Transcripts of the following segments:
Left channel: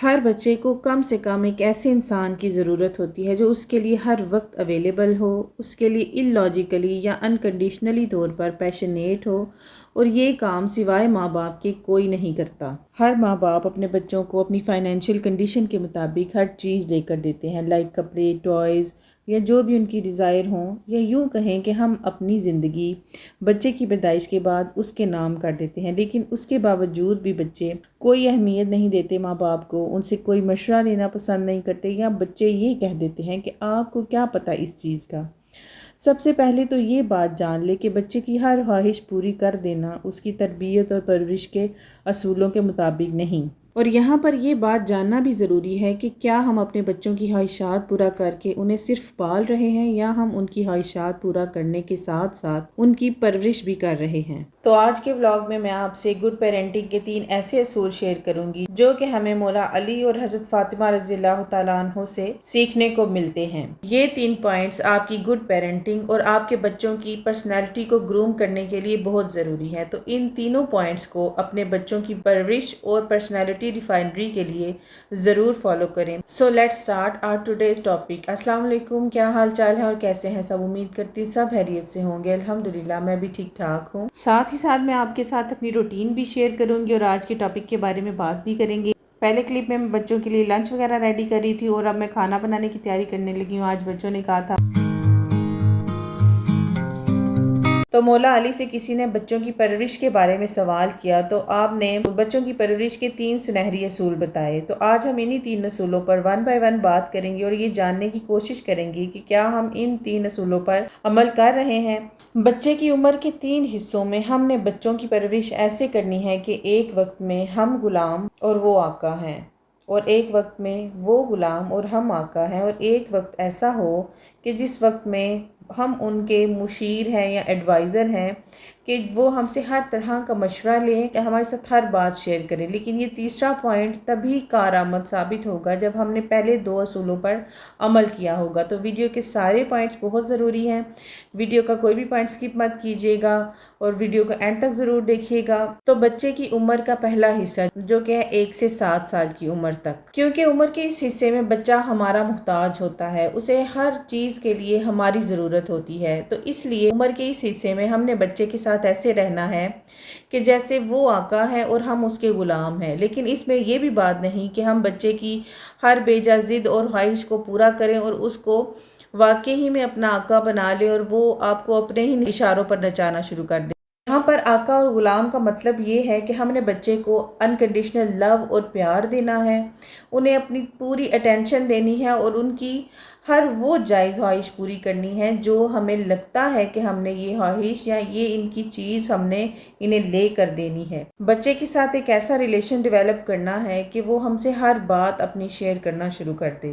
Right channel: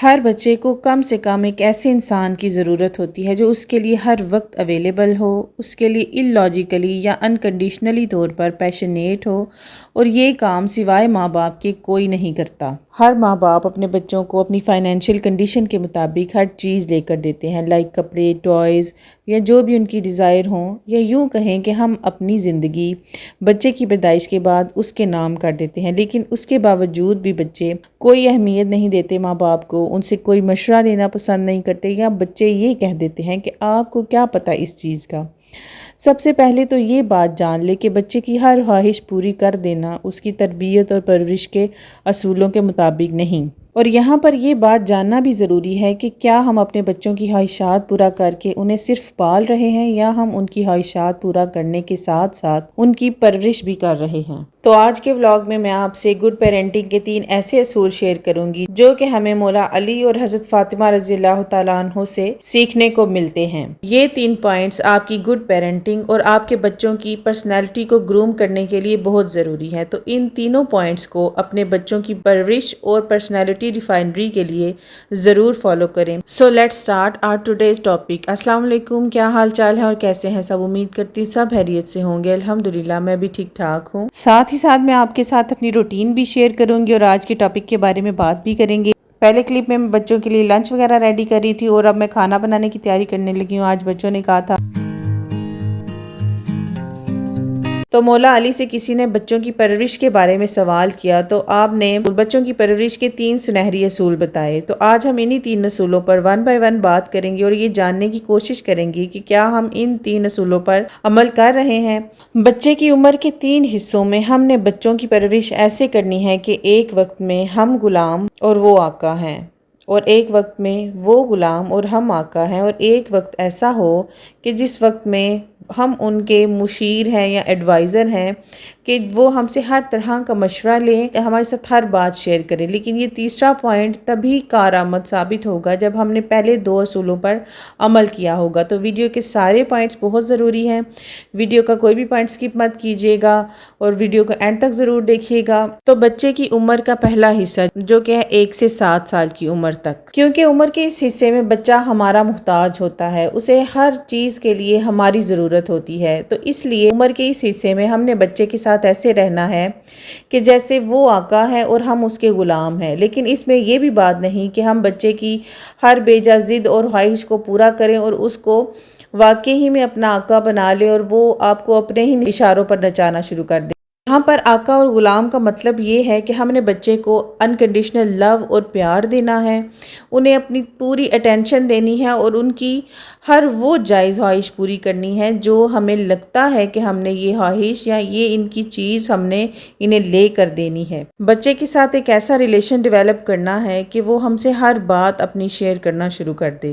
ہر بچے کو کم سے کم ایک ایسے انسان کی ضرورت ہوتی ہے جو اس کے لیے ہر وقت اویلیبل ہو، اس کے لیے اللاجیکلی یا انکنڈیشنلی طور پر پیشنیٹ ہو، اور یہ کام سوائے ماں باپ کے کوئی نہیں کرتا۔ ہر ماں باپ اپنے بچوں کو اپنی فائنینشیل کنڈیشن کے مطابق ہر چیز لے کر دیتے ہیں، لائک کپڑے، ٹوائز یا جو بھی ان کی ڈیزائر ہوں، یا یوں کہیں کہ ہم اپنی زندگی بچے کی پیدائش کے بعد اس کے نام کر دیتے ہیں، لیکن اس کے باوجود بھی بچے کوئی اہمیت نہیں دیتے ماں باپ کو، ان سے کوئی مشورہ لینا پسند نہیں کرتے، یا بچے یہ کہہ دیتے ہیں کہ آپ کو کیا پتہ اس چیز کا۔ سب سے پہلے تو یہ بات جان لے کہ بچے کی ہر خواہش پوری کر دینا اس کی تربیت اور پرورش کے اصولوں کے مطابق نہیں۔ اور یہاں پر یہ بات جاننا بھی ضروری ہے کہ کیا ہم اپنے بچوں کی خواہشات پورا کر کے انہیں صرف پال رہے ہیں، یا ہم ان کی خواہشات پورا کرنے کے ساتھ ساتھ ان کی پرورش بھی کر رہے ہیں۔ تو آج کے ولاگ میں آپ سے گڈ پیرنٹنگ کے 3 ایسے اصول شیئر کروں گی جو کہ ہمیں مولا علی اور حضرت فاطمہ رضی اللہ تعالیٰ عنہ سے سیکھنے کو ملتے ہیں۔ یہ 3 پوائنٹس آپ کی گڈ پیرنٹنگ اور آپ کے بچوں کی پرسنالٹی کو گروم کرنے کے لیے بہت ضروری ہے، تو ان تینوں پوائنٹس کو اپنے بچوں کی پرورش اور پرسنالٹی ریفائنری کے لیے ضرور فالو کریں۔ So let's start our today's topic. السلام علیکم، کیا حال چال ہے اور کیسے ہیں سب؟ امید کرتی سب خیریت سے ہوں گے۔ الحمدللہ میں بھی ٹھیک ٹھاک ہوں۔ ساتھ ہی ساتھ میں آپ کے ساتھ اپنی روٹین بھی شیئر کروں گی اور آج کے ٹاپک کے بارے میں بات بھی کریں گے۔ پہلے کلپ میں بچوں کے لیے لنچ وغیرہ ریڈی کر رہی تھی اور اب میں کھانا بنانے کی تیاری کرنے لگی ہوں۔ آج بچوں نے کہا تھا، تو مولا علی سے کسی نے بچوں کی پرورش کے بارے میں سوال کیا تو آپ نے بچوں کی پرورش کے 3 سنہری اصول بتائے۔ تو آج ہم انہی 3 اصولوں پر 1 بائی 1 بات کریں گے اور یہ جاننے کی کوشش کریں گے کہ کیا ہم ان 3 اصولوں پر عمل کر رہے ہیں۔ بچے کی عمر کے 3 حصوں میں ہم نے بچوں کی پرورش ایسے کرنی ہے کہ ایک وقت میں ہم غلام اور وہ آقا ہیں، اور ایک وقت میں وہ غلام اور ہم آقا ہیں، اور ایک وقت ایسا ہو کہ جس وقت میں ہم ان کے مشیر ہیں یا ایڈوائزر ہیں کہ وہ ہم سے ہر طرح کا مشورہ لیں، ہمارے ساتھ ہر بات شیئر کریں۔ لیکن یہ تیسرا پوائنٹ تبھی کارآمد ثابت ہوگا جب ہم نے پہلے 2 اصولوں پر عمل کیا ہوگا۔ تو ویڈیو کے سارے پوائنٹس بہت ضروری ہیں، ویڈیو کا کوئی بھی پوائنٹ سکپ مت کیجیے گا اور ویڈیو کو اینڈ تک ضرور دیکھیے گا۔ تو بچے کی عمر کا پہلا حصہ جو کہ ہے 1 سے 7 سال کی عمر تک، کیونکہ عمر کے اس حصے میں بچہ ہمارا محتاج ہوتا ہے، اسے ہر چیز کے لیے ہماری ضرورت ہوتی ہے۔ تو اس لیے عمر کے اس حصے میں ہم نے بچے کے ساتھ ایسے رہنا ہے کہ جیسے وہ آقا ہے اور ہم اس کے غلام ہیں، لیکن اس میں یہ بھی بات نہیں کہ ہم بچے کی ہر بیجا ضد اور خواہش کو پورا کریں اور اس کو واقعی میں اپنا آقا بنا لے اور وہ آپ کو اپنے ہی اشاروں پر نچانا شروع کر دے۔ یہاں پر آقا اور غلام کا مطلب یہ ہے کہ ہم نے بچے کو انکنڈیشنل لو اور پیار دینا ہے، انہیں اپنی پوری اٹینشن دینی ہے اور ان کی ہر وہ جائز خواہش پوری کرنی ہے جو ہمیں لگتا ہے کہ ہم نے یہ خواہش یا یہ ان کی چیز ہم نے انہیں لے کر دینی ہے۔ بچے کے ساتھ ایک ایسا ریلیشن ڈیولپ کرنا ہے کہ وہ ہم سے ہر بات اپنی شیئر کرنا شروع کر دے۔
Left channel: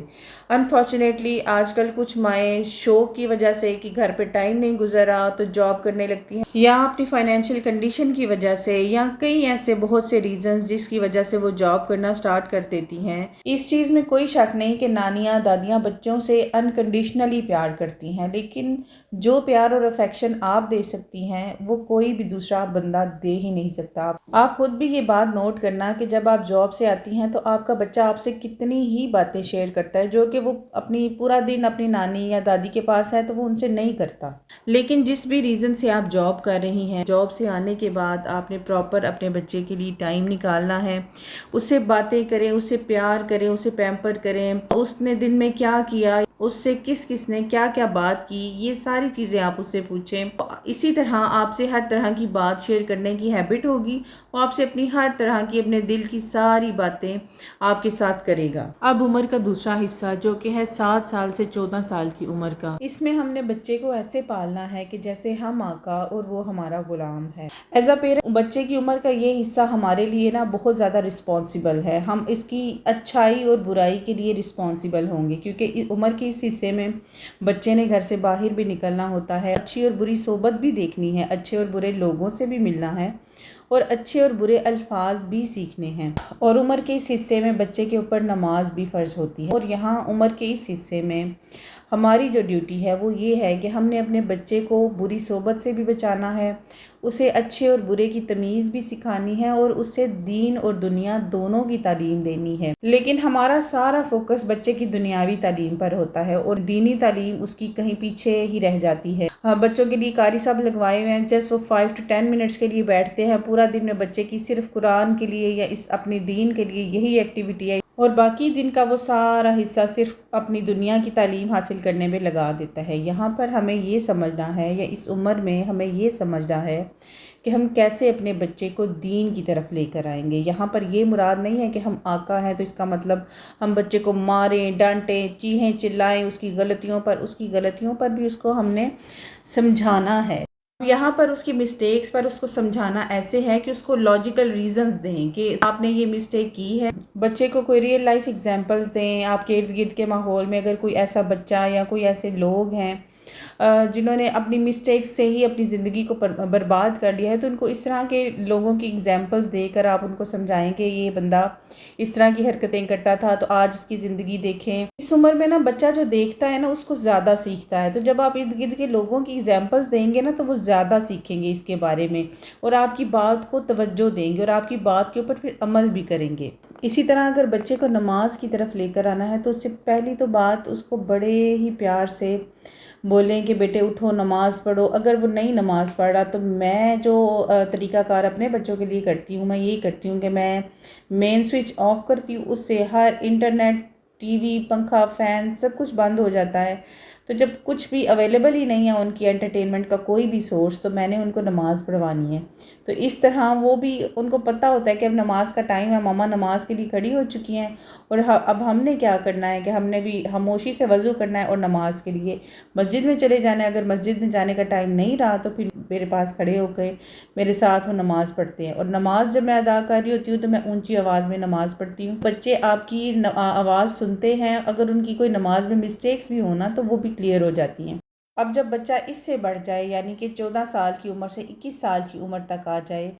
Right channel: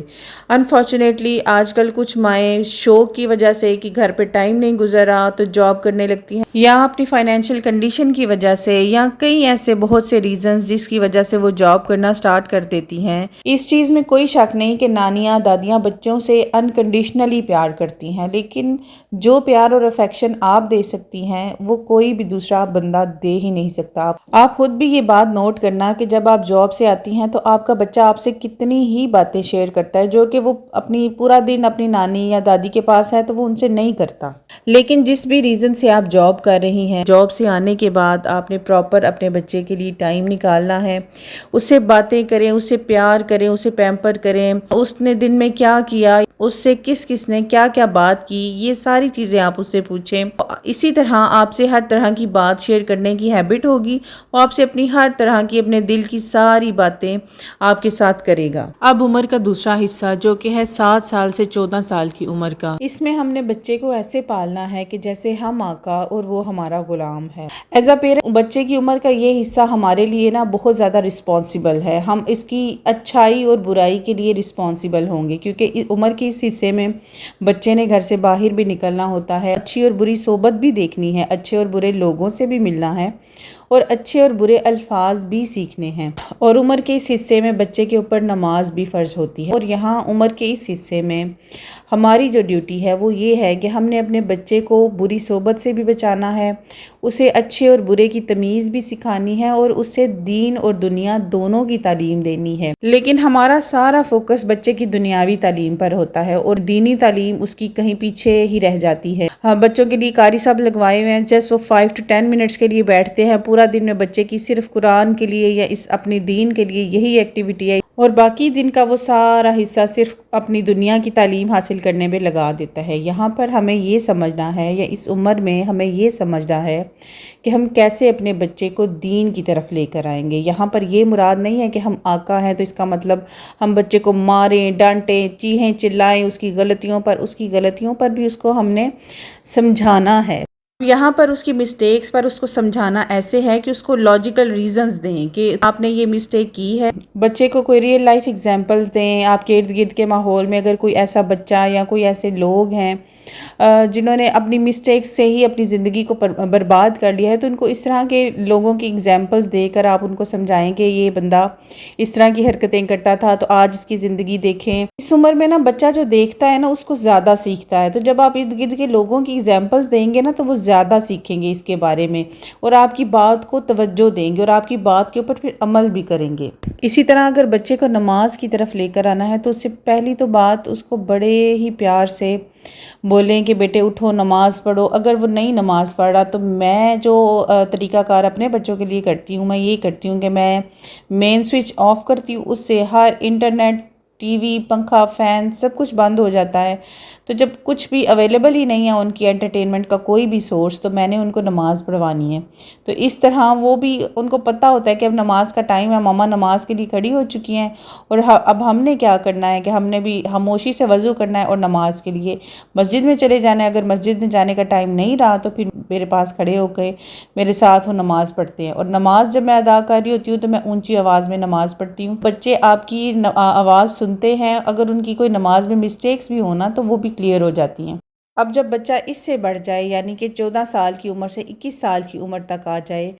انفارچونیٹلی آج کل کچھ مائیں شوق کی وجہ سے کہ گھر پہ ٹائم نہیں گزر رہا تو جاب کرنے لگتی ہیں، یا اپنی فائنینشیل کنڈیشن کی وجہ سے، یا کئی ایسے بہت سے ریزنز جس کی وجہ سے وہ جاب کرنا سٹارٹ کر دیتی ہیں۔ اس چیز میں کوئی شک نہیں کہ نانیاں دادیاں بچوں سے انکنڈیشنلی پیار کرتی ہیں، لیکن جو پیار اور افیکشن آپ دے سکتی ہیں وہ کوئی بھی دوسرا بندہ دے ہی نہیں سکتا۔ آپ خود بھی یہ بات نوٹ کرنا کہ جب آپ جاب سے آتی ہیں تو آپ کا بچہ آپ سے کتنی ہی باتیں شیئر کرتا ہے جو کہ وہ اپنی پورا دن اپنی نانی یا دادی کے پاس ہے تو وہ ان سے نہیں کرتا، لیکن جس بھی ریزن سے آپ جاب کر رہی ہیں، جاب سے آنے کے بعد آپ نے پراپر اپنے بچے کے لیے ٹائم نکالنا ہے، اس سے باتیں کریں، اس سے پیار کریں، اسے پیمپر کریں، اس نے دن میں کیا کیا، اس سے کس نے کیا کیا بات کی، یہ ساری چیزیں آپ اس سے پوچھیں۔ اسی طرح آپ سے ہر طرح کی بات شیئر کرنے کی ہیبٹ ہوگی، وہ آپ سے اپنی ہر طرح کی اپنے دل کی ساری باتیں آپ کے ساتھ کرے گا۔ اب عمر کا دوسرا حصہ جو کہ ہے 7 سال سے 14 سال کی عمر کا، اس میں ہم نے بچے کو ایسے پالنا ہے کہ جیسے ہم آقا اور وہ ہمارا غلام ہے۔ ایز اے پیرنٹ بچے کی عمر کا یہ حصہ ہمارے لیے بہت زیادہ رسپانسیبل ہے، ہم اس کی اچھائی اور برائی کے لیے رسپانسیبل ہوں گے، کیونکہ عمر کے اس حصے میں بچے نے گھر سے باہر بھی نکلنا ہوتا ہے، اچھی اور بری صحبت بھی دیکھنی ہے، اچھے اور برے لوگوں سے بھی ملنا ہے اور اچھے اور برے الفاظ بھی سیکھنے ہیں۔ اور عمر کے اس حصے میں بچے کے اوپر نماز بھی فرض ہوتی ہے، اور یہاں عمر کے اس حصے میں ہماری جو ڈیوٹی ہے وہ یہ ہے کہ ہم نے اپنے بچے کو بری صحبت سے بھی بچانا ہے، اسے اچھے اور برے کی تمیز بھی سکھانی ہے اور اسے دین اور دنیا دونوں کی تعلیم دینی ہے۔ لیکن ہمارا سارا فوکس بچے کی دنیاوی تعلیم پر ہوتا ہے اور دینی تعلیم اس کی کہیں پیچھے ہی رہ جاتی ہے۔ ہاں، بچوں کے لیے قاری صاحب لگوائے ہوئے ہیں، جسٹ وہ 5 to 10 منٹس کے لیے بیٹھتے ہیں، پورا دن میں بچے کی صرف قرآن کے لیے یا اس اپنے دین کے لیے یہی ایکٹیویٹی ہے، اور باقی دن کا وہ سارا حصہ صرف اپنی دنیا کی تعلیم حاصل کرنے میں لگا دیتا ہے۔ یہاں پر ہمیں یہ سمجھنا ہے، یا اس عمر میں ہمیں یہ سمجھنا ہے کہ ہم کیسے اپنے بچے کو دین کی طرف لے کر آئیں گے۔ یہاں پر یہ مراد نہیں ہے کہ ہم آقا ہیں تو اس کا مطلب ہم بچے کو ماریں، ڈانٹیں، چیخیں چلائیں اس کی غلطیوں پر بھی اس کو ہم نے سمجھانا ہے۔ یہاں پر اس کی مسٹیکس پر اس کو سمجھانا ایسے ہے کہ اس کو لاجیکل ریزنز دیں کہ آپ نے یہ مسٹیک کی ہے۔ بچے کو کوئی ریئل لائف ایگزامپلز دیں۔ آپ کے ارد گرد کے ماحول میں اگر کوئی ایسا بچہ یا کوئی ایسے لوگ ہیں جنہوں نے اپنی مسٹیکس سے ہی اپنی زندگی کو برباد کر لیا ہے، تو ان کو اس طرح کے لوگوں کی ایگزامپلز دے کر آپ ان کو سمجھائیں کہ یہ بندہ اس طرح کی حرکتیں کرتا تھا تو آج اس کی زندگی دیکھیں۔ اس عمر میں نا بچہ جو دیکھتا ہے نا اس کو زیادہ سیکھتا ہے، تو جب آپ ارد گرد کے لوگوں کی ایگزامپلز دیں گے نا تو وہ زیادہ سیکھیں گے اس کے بارے میں، اور آپ کی بات کو توجہ دیں گے اور آپ کی بات کے اوپر پھر عمل بھی کریں گے۔ اسی طرح اگر بچے کو نماز کی طرف لے کر آنا ہے تو اس سے پہلی تو بات اس کو بڑے ہی پیار سے بولیں کہ بیٹے اٹھو نماز پڑھو۔ اگر وہ نہیں نماز پڑھ رہا تو میں جو طریقہ کار اپنے بچوں کے لیے کرتی ہوں، میں یہ کرتی ہوں کہ میں مین سوئچ آف کرتی ہوں، اس سے ہر انٹرنیٹ، ٹی وی، پنکھا، فین سب کچھ بند ہو جاتا ہے۔ تو جب کچھ بھی اویلیبل ہی نہیں ہے ان کی انٹرٹینمنٹ کا کوئی بھی سورس، تو میں نے ان کو نماز پڑھوانی ہے۔ تو اس طرح وہ بھی ان کو پتہ ہوتا ہے کہ اب نماز کا ٹائم ہے، ماما نماز کے لیے کھڑی ہو چکی ہیں، اور اب ہم نے کیا کرنا ہے کہ ہم نے بھی خاموشی سے وضو کرنا ہے اور نماز کے لیے مسجد میں چلے جانا ہے۔ اگر مسجد میں جانے کا ٹائم نہیں رہا تو پھر میرے پاس کھڑے ہو کے میرے ساتھ وہ نماز پڑھتے ہیں، اور نماز جب میں ادا کر رہی ہوتی ہوں تو میں اونچی آواز میں نماز پڑھتی ہوں۔ بچے آپ کی آواز سنتے ہیں، اگر ان کی کوئی نماز میں مسٹیکس بھی ہونا تو وہ بھی کلیئر ہو جاتی ہیں۔ اب جب بچہ اس سے بڑھ جائے، یعنی کہ 14 سال کی عمر سے 21 سال کی عمر تک آ جائے،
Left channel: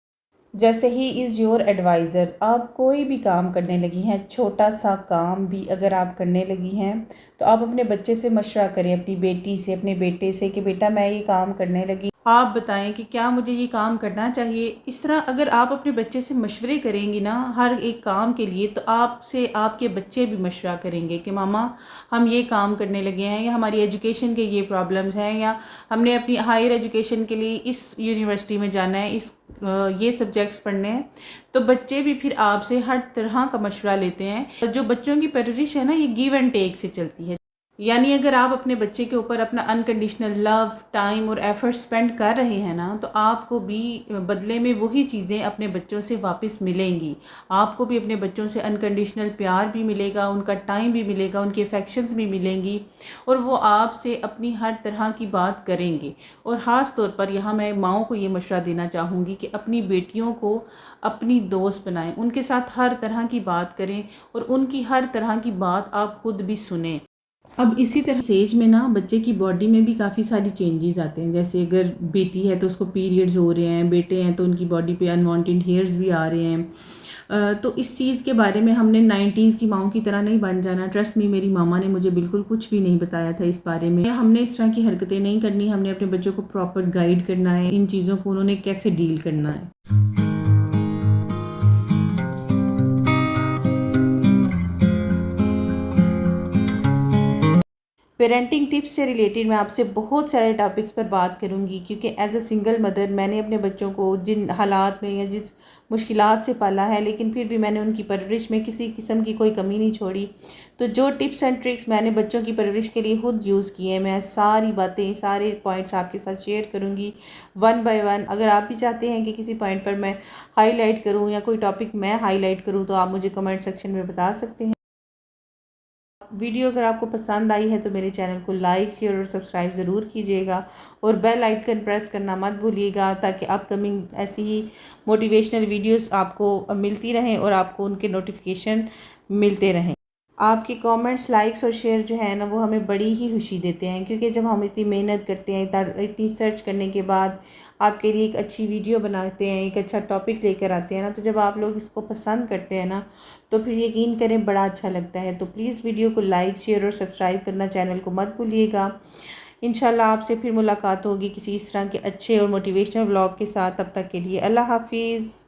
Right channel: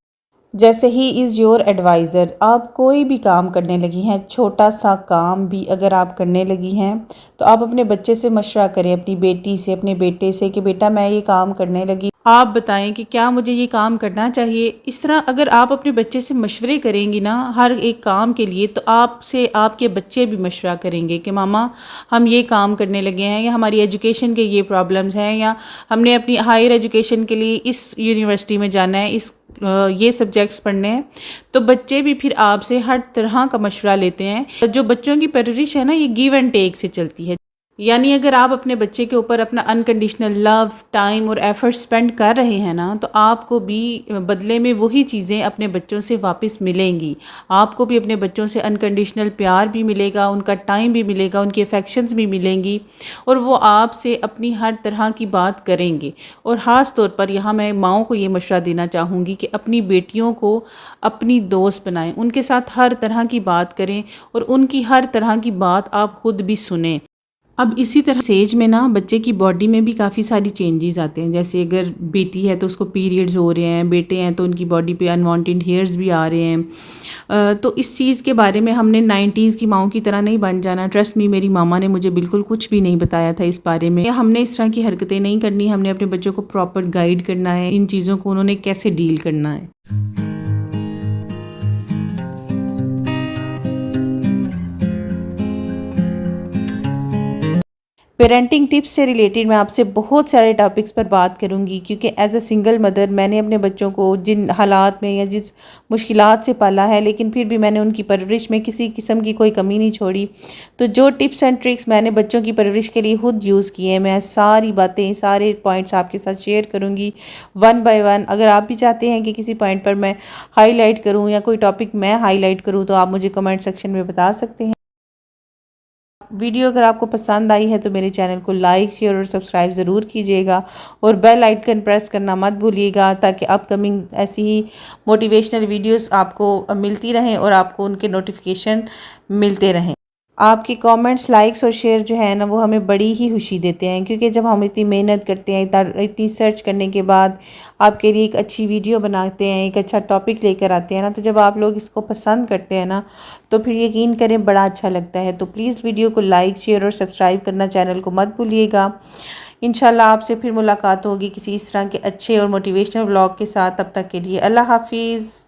جیسے ہی از یور ایڈوائزر، آپ کوئی بھی کام کرنے لگی ہیں، چھوٹا سا کام بھی اگر آپ کرنے لگی ہیں تو آپ اپنے بچے سے مشورہ کریں، اپنی بیٹی سے، اپنے بیٹے سے کہ بیٹا میں یہ کام کرنے لگی، آپ بتائیں کہ کیا مجھے یہ کام کرنا چاہیے۔ اس طرح اگر آپ اپنے بچے سے مشورے کریں گی نا ہر ایک کام کے لیے، تو آپ سے آپ کے بچے بھی مشورہ کریں گے کہ ماما ہم یہ کام کرنے لگے ہیں، یا ہماری ایجوکیشن کے یہ پرابلمز ہیں، یا ہم نے اپنی ہائر ایجوکیشن کے لیے اس یونیورسٹی میں جانا ہے، یہ سبجیکٹس پڑھنے ہیں۔ تو بچے بھی پھر آپ سے ہر طرح کا مشورہ لیتے ہیں۔ جو بچوں کی پرورش ہے نا یہ گیو اینڈ ٹیک سے چلتی ہے، یعنی اگر آپ اپنے بچے کے اوپر اپنا انکنڈیشنل لو، ٹائم اور ایفرٹ سپینڈ کر رہے ہیں نا، تو آپ کو بھی بدلے میں وہی چیزیں اپنے بچوں سے واپس ملیں گی۔ آپ کو بھی اپنے بچوں سے انکنڈیشنل پیار بھی ملے گا، ان کا ٹائم بھی ملے گا، ان کی افیکشنز بھی ملیں گی، اور وہ آپ سے اپنی ہر طرح کی بات کریں گے۔ اور خاص طور پر یہاں میں ماؤں کو یہ مشورہ دینا چاہوں گی کہ اپنی بیٹیوں کو اپنی دوست بنائیں، ان کے ساتھ ہر طرح کی بات کریں اور ان کی ہر طرح کی بات آپ خود بھی سنیں۔ اب اسی طرح سیج میں نا بچے کی باڈی میں بھی کافی ساری چینجز آتے ہیں، جیسے اگر بیٹی ہے تو اس کو پیریڈز ہو رہے ہیں، بیٹے ہیں تو ان کی باڈی پہ انوانٹیڈ ہیئرز بھی آ رہے ہیں۔ تو اس چیز کے بارے میں ہم نے 90s کی ماؤں کی طرح نہیں بن جانا۔ ٹرسٹ می، میری ماما نے مجھے بالکل کچھ بھی نہیں بتایا تھا اس بارے میں۔ ہم نے اس طرح کی حرکتیں نہیں کرنی، ہم نے اپنے بچوں کو پراپر گائیڈ کرنا ہے، ان چیزوں کو انہوں نے کیسے ڈیل کرنا ہے۔ پیرنٹنگ ٹپس سے ریلیٹڈ میں آپ سے بہت سارے ٹاپکس پر بات کروں گی، کیونکہ ایز اے سنگل مدر میں نے اپنے بچوں کو جن حالات میں یا جس مشکلات سے پالا ہے، لیکن پھر بھی میں نے ان کی پرورش میں کسی قسم کی کوئی کمی نہیں چھوڑی۔ تو جو ٹپس اینڈ ٹرکس میں نے بچوں کی پرورش کے لیے خود یوز کیے ہیں، میں ساری باتیں، سارے پوائنٹس آپ کے ساتھ شیئر کروں گی ون بائی ون۔ اگر آپ بھی چاہتے ہیں کہ کسی پوائنٹ پر میں ہائی لائٹ کروں یا کوئی ٹاپک میں ہائی لائٹ کروں تو آپ مجھے کمنٹ سیکشن میں بتا سکتے ہیں۔ ویڈیو اگر آپ کو پسند آئی ہے تو میرے چینل کو لائک، شیئر اور سبسکرائب ضرور کیجیے گا، اور بیل آئیکن پریس کرنا مت بھولیے گا، تاکہ اپ کمنگ ایسی ہی موٹیویشنل ویڈیوز آپ کو ملتی رہیں اور آپ کو ان کے نوٹیفیکیشن ملتے رہیں۔ آپ کی کامنٹس، لائکس اور شیئر جو ہے نا وہ ہمیں بڑی ہی خوشی دیتے ہیں، کیونکہ جب ہم اتنی محنت کرتے ہیں، اتنی سرچ کرنے کے بعد آپ کے لیے ایک اچھی ویڈیو بناتے ہیں، ایک اچھا ٹاپک لے کر آتے ہیں نا، تو جب آپ لوگ اس کو پسند کرتے ہیں نا تو پھر یقین کریں بڑا اچھا لگتا ہے۔ تو پلیز ویڈیو کو لائک، شیئر اور سبسکرائب کرنا چینل کو مت بھولیے گا۔ انشاءاللہ آپ سے پھر ملاقات ہوگی کسی اس طرح کے اچھے اور موٹیویشنل ولاگ کے ساتھ. تب تک کے لیے اللہ حافظ.